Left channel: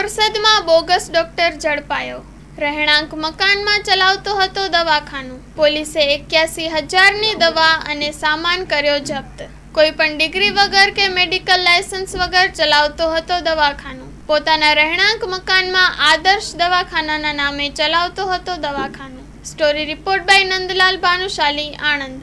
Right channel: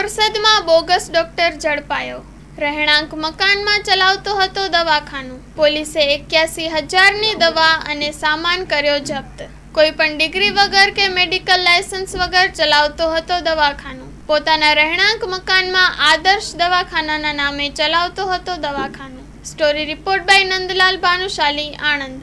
બોરસદમાં bogus doctor ઝડપાયો। રહેણાંક મકાનમાં ચલાવતો હતો દવાખાનું। પોલીસે 81,000ની દવા અને સામાન કર્યો જપ્ત। કોઈપણ ડિગ્રી વગર કે મેડિકલ લાયસન્સ વગર ચલાવતો હતો દવાખાનું। પોતાના રહેણાંક મકાનમાં આદર્શ દવાખાનાના નામે ચલાવતો હતો દવાખાનું। Story report by Nandlal Bhanushali, Anand.